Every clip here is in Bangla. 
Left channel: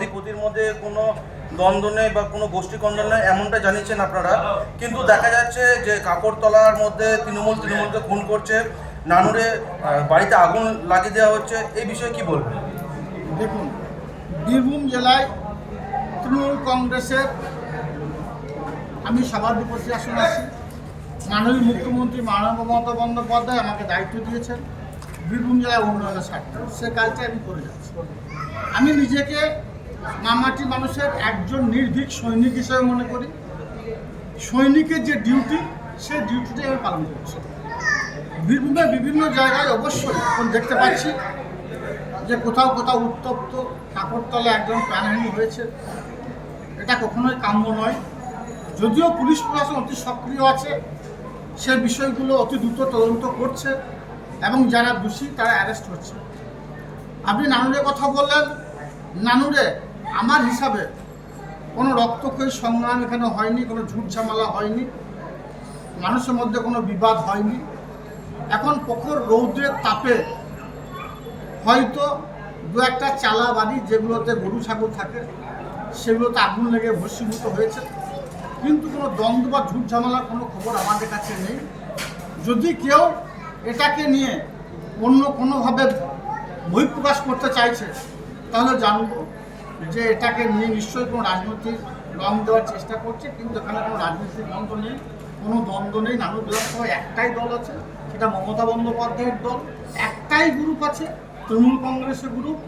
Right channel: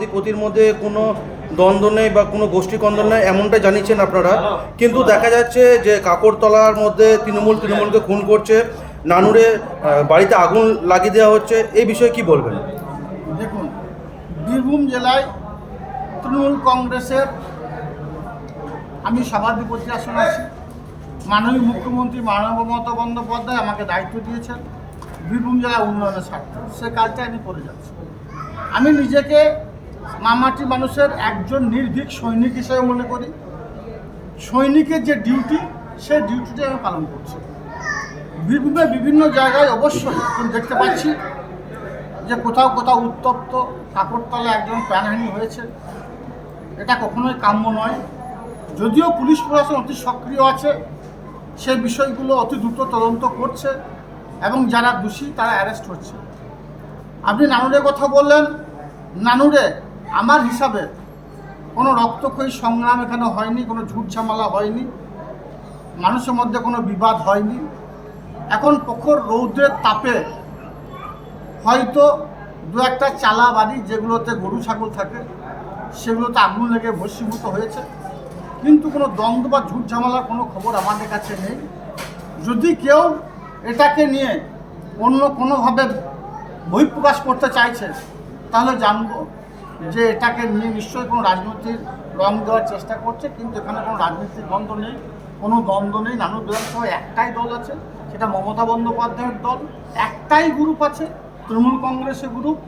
ক্ষতির মধ্যে কোনো দ্বন্দ্ব নেই বা কোনো গোষ্ঠী কন্দল নেই এমনটা জানিয়েছেন আপনারা। কিন্তু দেখা যাচ্ছে যে কাকরতলার মধ্যে তৃণমূল তৃণমূলকে খুন করছে, নানুরে বাড়িতে আগুন লাগিয়ে দেওয়া হচ্ছে, এই বিষয়ে কি বলবেন? দেখুন, বীরভূম জেলায় তৃণমূল কংগ্রেসের, আমি সভাধিপতি আসন আছি। মাননীয় মুখ্যমন্ত্রী মাননীয় মমতা বন্দ্যোপাধ্যায় আমাকে দায়িত্ব দিয়েছেন। বীরভূম জেলা উন্নয়নের স্বার্থে। সে কাজটা আমি করে যাচ্ছি। আমি নিজেকে মামাটি মানুষের একজন নির্ভীক সৈনিক হিসেবে মনে করি। সৈনিকের যে ডিউটি সেই ডিউটিটি আমি পালন করছি। বীরভূমের বিভিন্ন জায়গায় অবশ্যই এখন দেখতে পাচ্ছি যে কোথাও কোথাও উত্তপ্ত কাকরতলা একজন প্রাণহানি হয়েছে। এটা কখনোই কাম্য নয়। যদিও পুলিশ প্রশাসন অতি সক্রিয় আছে, সে বিষয়গুলো অতি দ্রুত তদন্ত করছে এবং যারা দোষী তারা অ্যারেস্ট হচ্ছে। আপনি নানুরের কথা বললেন। নানুরে আমার হিসাবে কোনো রক্তক্ষয়ী সংগ্রাম এখানে হয়নি, কোনো ঝুট ঝামেলা হয়নি, মানুষের মধ্যে কোনো বিবাদ হয়নি। এখন প্রখর রৌদ্রের তাপে হয়তো দু একটা চালা বাড়ি যেগুলোতে গরু, ছাগল থাকে, সেগুলোতে আগুন লেগে ভস্মীভূত হয়েছে। কিন্তু কোনো দ্বন্দ্ব বা ঝুট ঝামেলার কোনো খবর আমাদের কাছে নেই। যদি কেউ এটাকে নিয়ে অন্য কোনোভাবে বহিঃপ্রকাশ করতে চাইছে, তাহলে জানব। যে এটাকে নিয়ে নিশ্চয়ই কোনো রাজনৈতিক রং দেওয়ার চেষ্টা করছে, কিন্তু এখানে কোনো রাজনৈতিক দ্বন্দ্ব নেই, কোনো দ্বন্দ্ব নেই। নানু বিধানসভায় একটাই দল আছে, সেটা মমতা বন্দ্যোপাধ্যায়ের দল। একটাই গ্রুপ আছে, তৃণমূল কংগ্রেসের গ্রুপ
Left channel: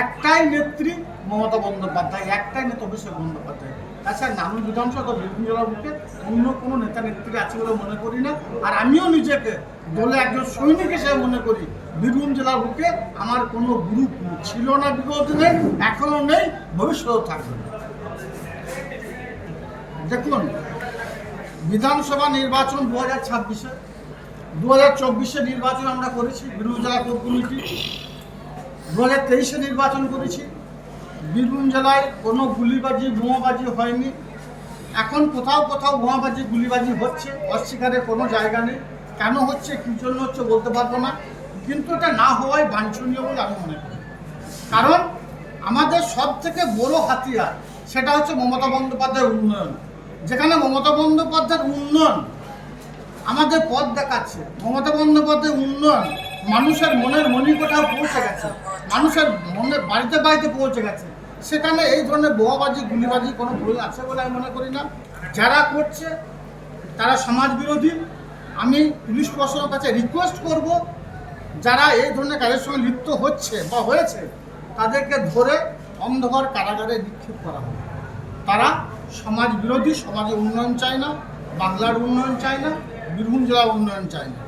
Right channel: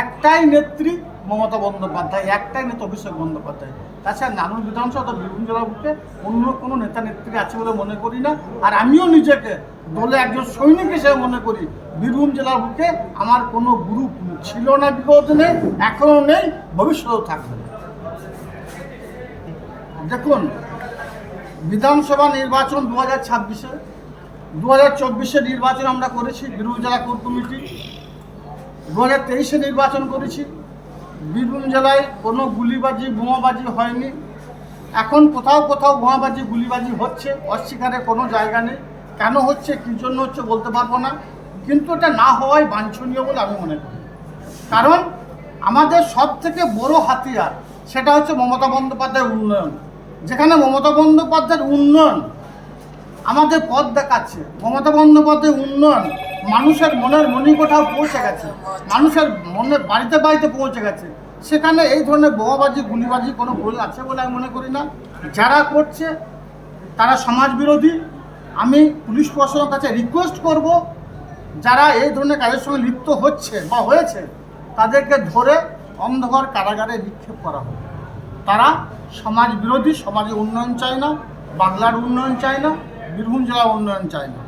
একটাই নেত্রী মমতা বন্দ্যোপাধ্যায়, একটাই নেতা অভিষেক বন্দ্যোপাধ্যায়। তাছাড়া নানুর বিধানসভা বীরভূম জেলার বুকে অন্য কোনো নেতা নেত্রী আছে বলে মনে করি না। আর আমিও নিজেকে দলে একজন সৈনিক হিসেবে মনে করি। বীরভূম জেলার বুকে আমার কোনো গ্রুপ ছিল না বিগত নেই এখনও নেই, ভবিষ্যতেও থাকবে না। দেখুন, বিধানসভা নির্বাচন দু হাজার ছাব্বিশে, দু হাজার চব্বিশে নির্বাচন আমরা করেছি, বীরভূম জেলা কোর কমিটি। দু হাজার তেইশে নির্বাচন করেছি। বীরভূম জেলায় কোনো গুলিবাজি, বোমাবাজি হয়নি। এখন কোথাও কোথাও বোমাবাজি, গুলিবাজি হচ্ছে, অস্বীকারের কোনো জায়গা নেই। কেন হচ্ছে, কী জন্য হচ্ছে বলতে পারব না। কিন্তু এটা না হওয়াই বাঞ্ছনীয় বলে আমি মনে করি। কারণ আমাদের সব থেকে বড় হাতিয়ার সেটা হচ্ছে মমতা বন্দ্যোপাধ্যায়ের উন্নয়ন। যেখানে মমতা বন্দ্যোপাধ্যায়ের উন্নয়ন আমাদের পথ দেখাচ্ছে। মমতা বন্দ্যোপাধ্যায়ের উন্নয়ন মানুষের মনের মণিকোঠাও পৌঁছে গেছে। মানুষের মনে বাড়িতে বাড়িতে পৌঁছে গেছে। সেখানে এই ধরনের বোমাবাজি, গুলিবাজি কোনো ভুল আছে বলে আমি মনে করি না। যারা করছে, তারা সমাজ বিরোধী। আমি পুলিশ প্রশাসনের কাছে রিকোয়েস্ট করব, যারা এই ধরনের কাজের সঙ্গে লিপ্ত হচ্ছে বা হয়েছে, তাদেরকে ধরে অন্ধকার কারাগারে নিক্ষেপ করা হোক। তারা সমাজ বিরোধী, সমাজে উন্নয়ন চায় না, বাংলার উন্নয়ন চায় না, বীরভূম জেলার উন্নয়ন চায় না।